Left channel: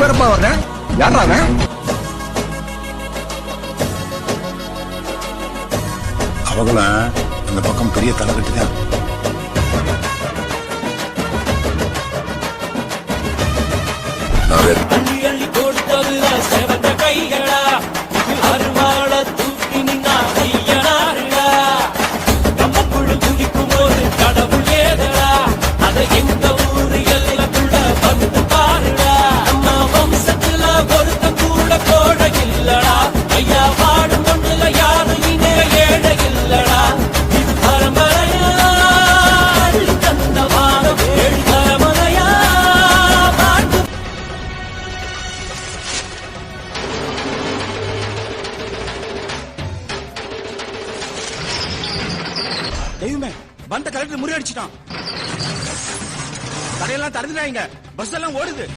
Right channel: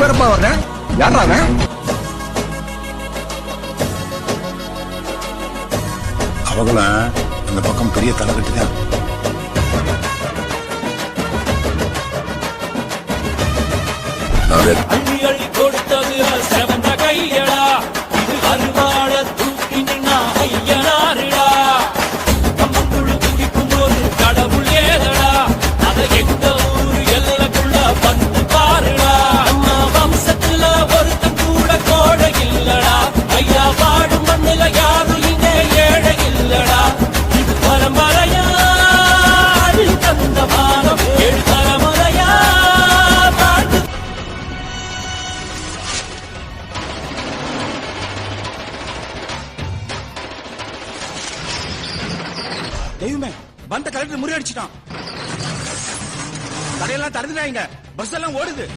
பேரப்பா வர்றேன் யாரா அவன்? அவங்களாம் அந்த பக்கம் பெரிய தலைகட்டு தான் நான் தெய்வமே வந்த கலெக்டர் முறியடிச்சிட்டான். கடையெல்லாம் திறந்துட்டாங்க. பஸ் எல்லாம் ஓடுது.